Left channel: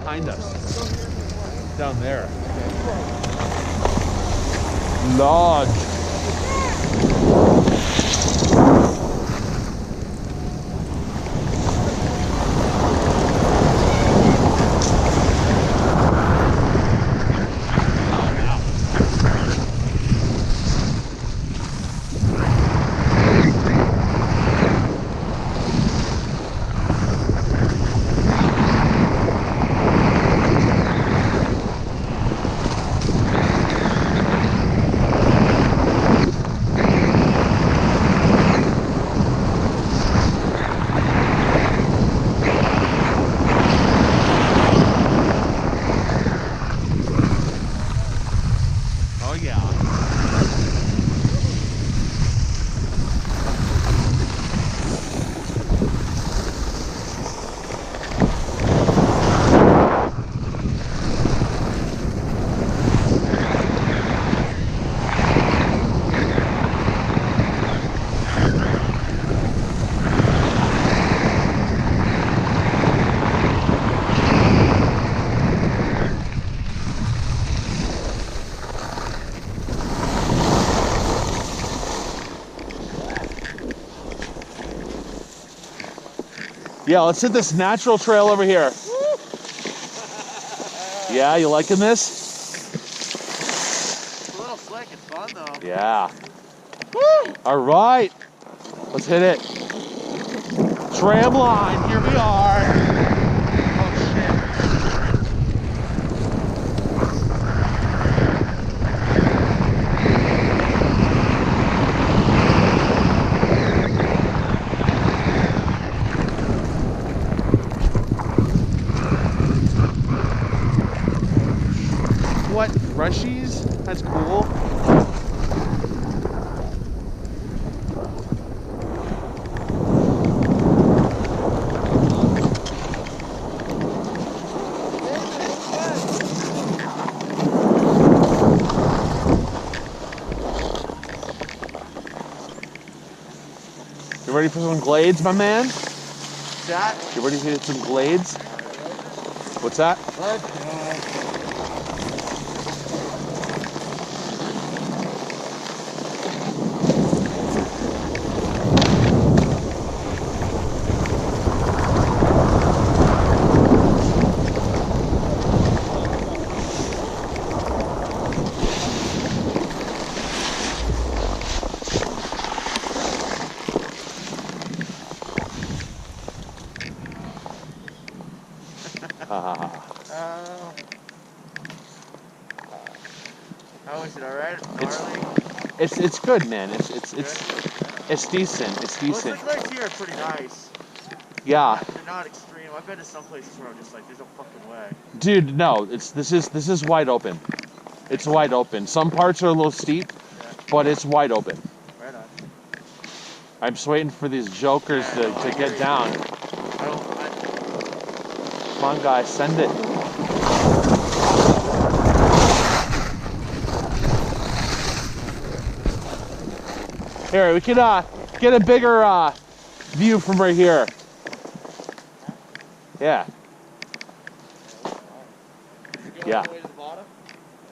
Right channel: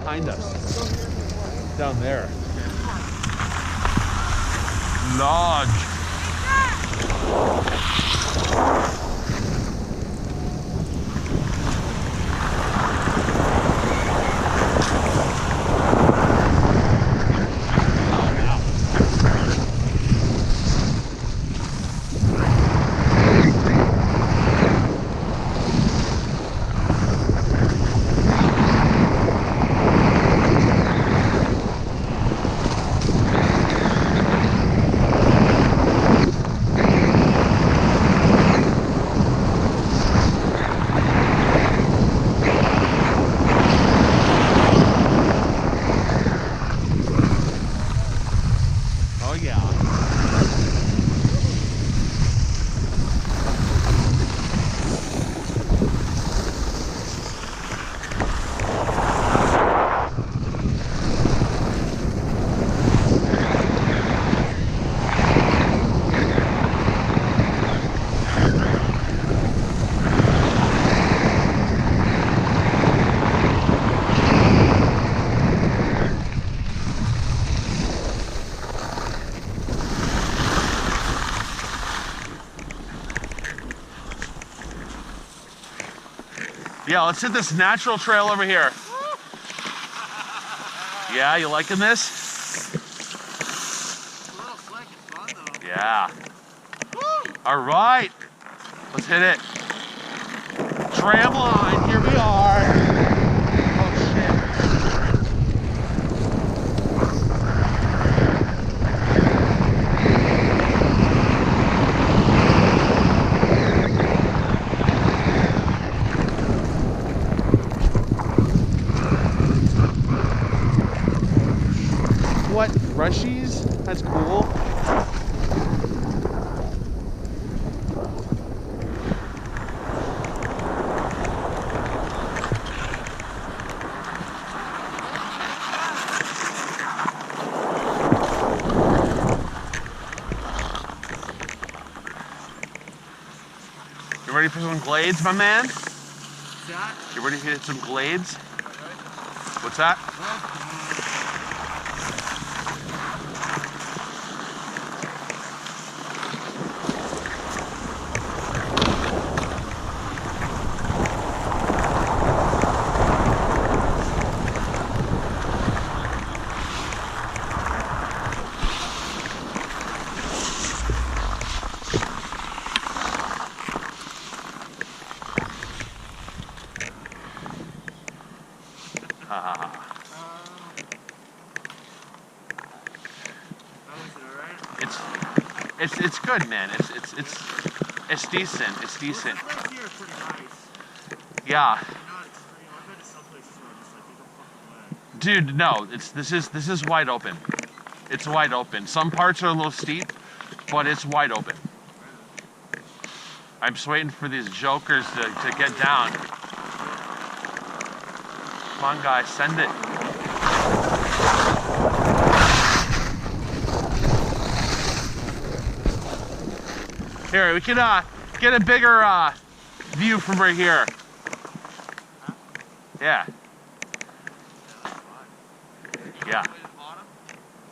behind us. Down there. Lodge. Oh yeah. Yeah, let's hit this natural trail over here. Yeah, you liking this? It's a little slick, it's fun though. Yeah. All right, let's hit it. Tram line, here we are. Oh shit. What, Rushies? That's cool. You ready for some glades, my man? That? You ready to hit some glades? What's that? How is it, alright? It's good, man. It's decent. It's decent. Most of the lakes here are pretty nice. Yeah. They're not extreme. I've been to some places where I'm just like, there's no fucking way. Dude, no. This is wide open. It's wide open. Some parts are a little steep, but it's wide open. Right on. I'm just waiting for these jokers to get down. Come on, guys, send it. Here, we can get a bigger view from right here. Yeah. Yeah. All the way to the bottom?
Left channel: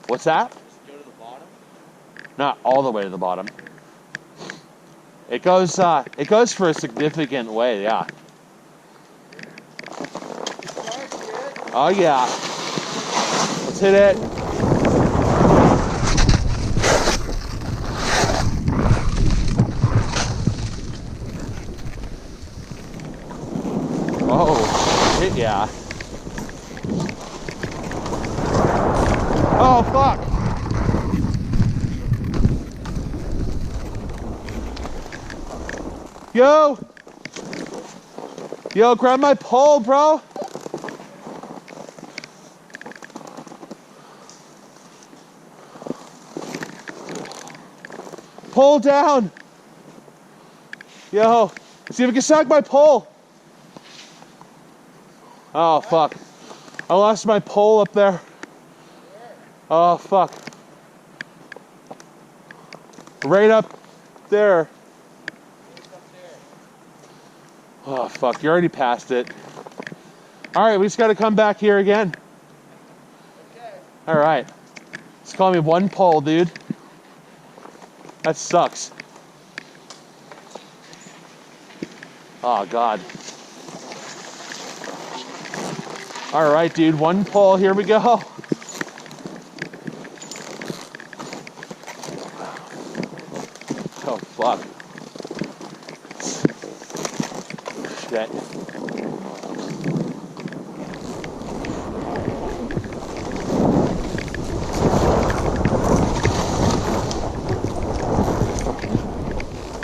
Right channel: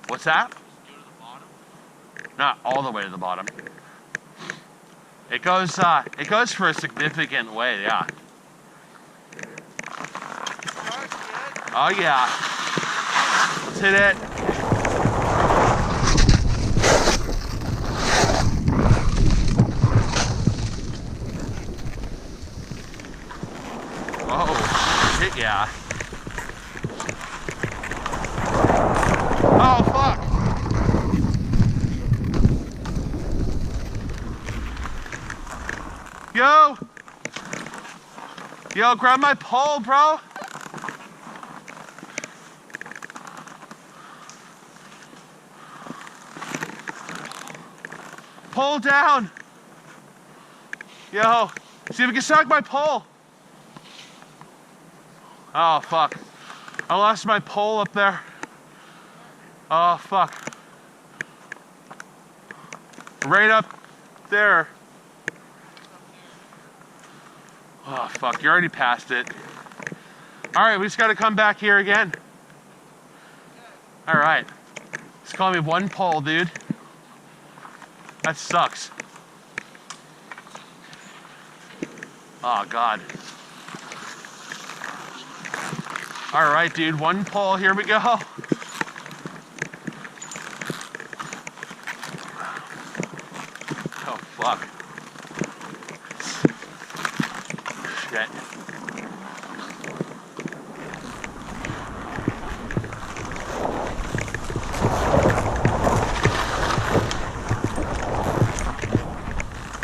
What's that? Just go to the bottom? Not all the way to the bottom. It goes for a significant way, yeah. Oh yeah. Let's hit it. Oh shit, yeah. Oh fuck. Yo, grab my pole, bro. Pull down. Yo, see if we can snag my pole. Oh, fuck. I lost my pole up there. Oh, fuck. Right up there. Oh, fuck. You already passed it. All right, we just got to come back here again. Okay. All right. Just call me one pole, dude. That sucks. Oh, God. All right, dude, one pole. Here we go. Oh, fuck. Shit.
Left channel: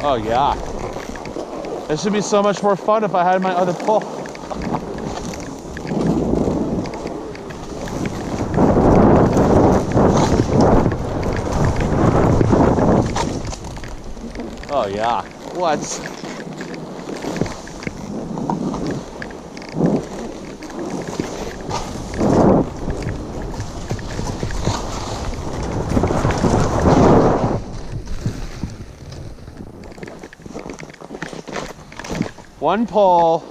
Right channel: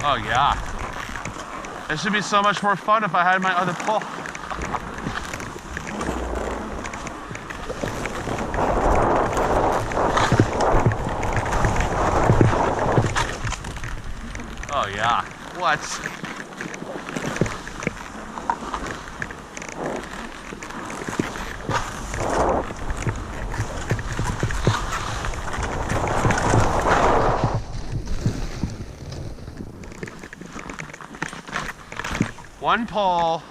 Oh, yeah. This should be so much more fun if I had my other pole. Oh, yeah. What? One pole.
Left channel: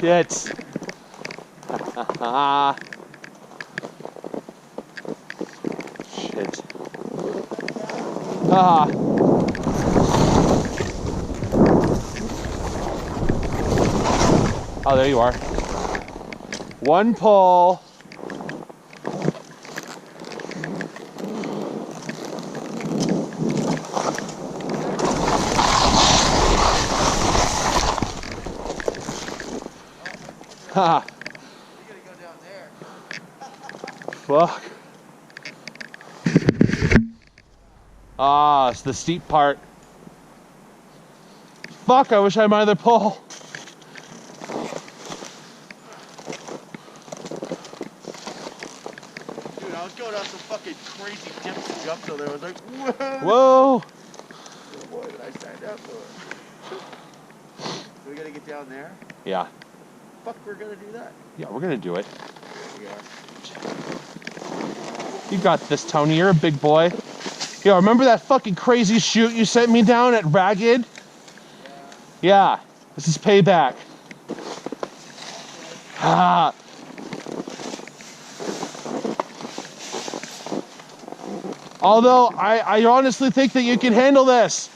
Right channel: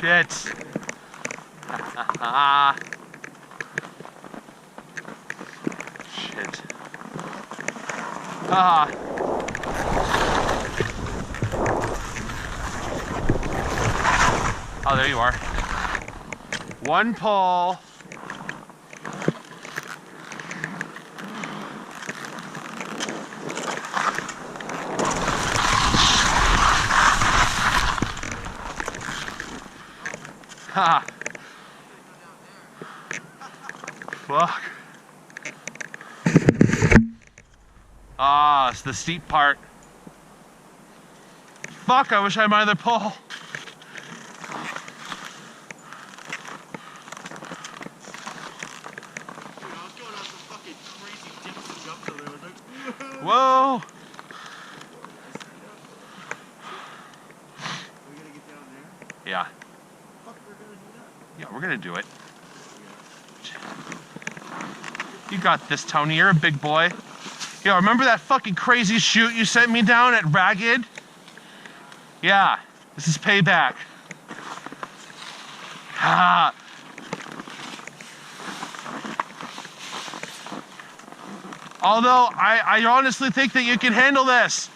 Shit. Shit. Ah. Oh, there you are. One pole. Ha. You gotta go down there. Fuck. Ah, it's the steep part. Fuck, I wish I had my other pole. Dude, I was going out some fucking crazy dips and jumps over there. I was like, whoa. Whoa. Boy, did I stand up for it. So we gotta get down there? Yeah. Fuck, we're gonna do that? Yeah, we're gonna do it. Yeah. You got this, Tony. You're a big boy. Yo, remember that fucking crazy shoot you sent me down at Ragged? Yeah. This is payback. Ah. Although, I honestly think that you can handle this.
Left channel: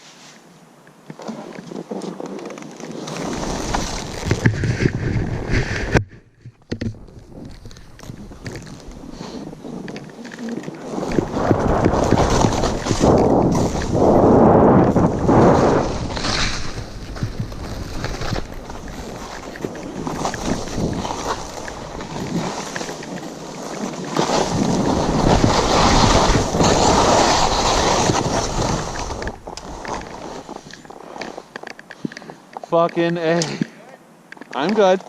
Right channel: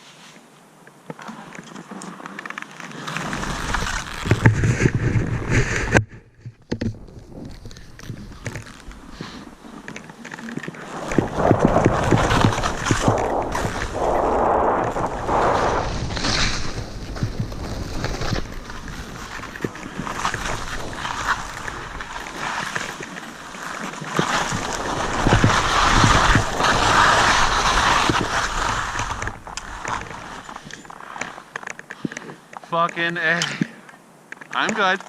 Fucking A. I'm good.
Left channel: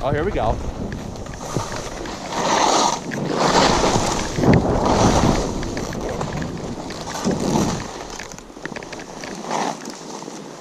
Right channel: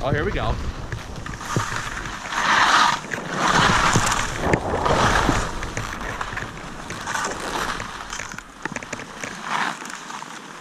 Oh, here we go.